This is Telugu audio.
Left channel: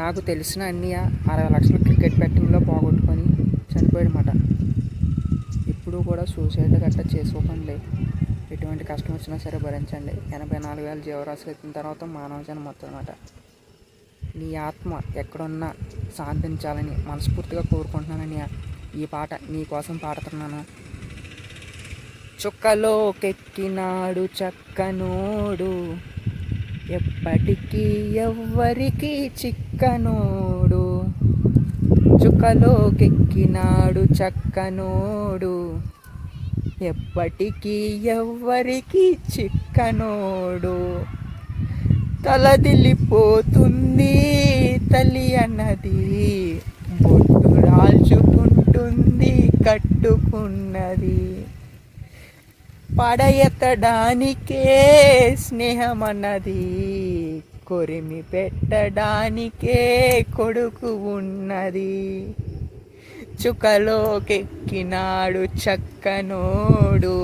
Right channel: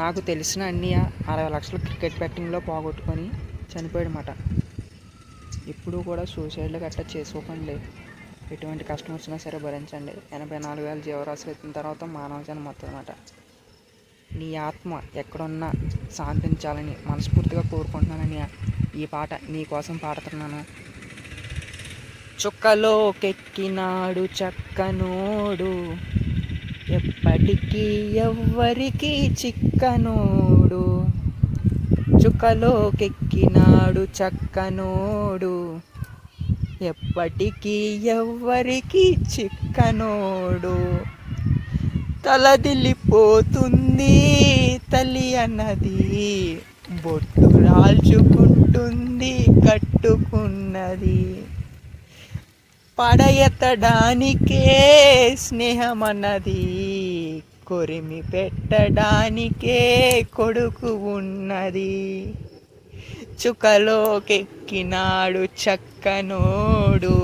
నాకు తెలిసిన అన్నయ్య 60 లక్షలు క్రికెట్ బెట్టింగ్లో పోగొట్టుకొని చనిపోయాడనమాట. ఇప్పుడు కూడా సూసైడ్లు గట్టా చేసుకోకండి. ఎటువంటి కష్టం వచ్చినా సరే భరించండి. 84,000 జీవరాశులు ఎత్తిన తర్వాత మానవ జన్మ వస్తుందన్నమాట. నీ ఆత్మ ఎక్కడున్నా శాంతించాలని మనస్ఫూర్తిగా కోరుకుంటున్నానని ఈ పాట నీ కోసం పాడుతున్నాను. చుక్కలోకెక్కినాడు చక్కనోడు, ఎప్పటికీ ఎవ్వరికి చిక్కనోడు. చుక్కలోకెక్కినాడు చక్కనోడు, ఎప్పటికీ ఎవ్వరికి చిక్కనోడు. తలదిల్లిపోతుంది తల్లి అన్నది, బొట్టు రాల్చుకుంటుంది కట్టుకున్నది. పడయెత్తడానికే స్నేహమన్నది, కొరిమి పెట్టడానికే కొడుకు ఉన్నది. చుక్కలోకెక్కినాడు చక్కనోడు.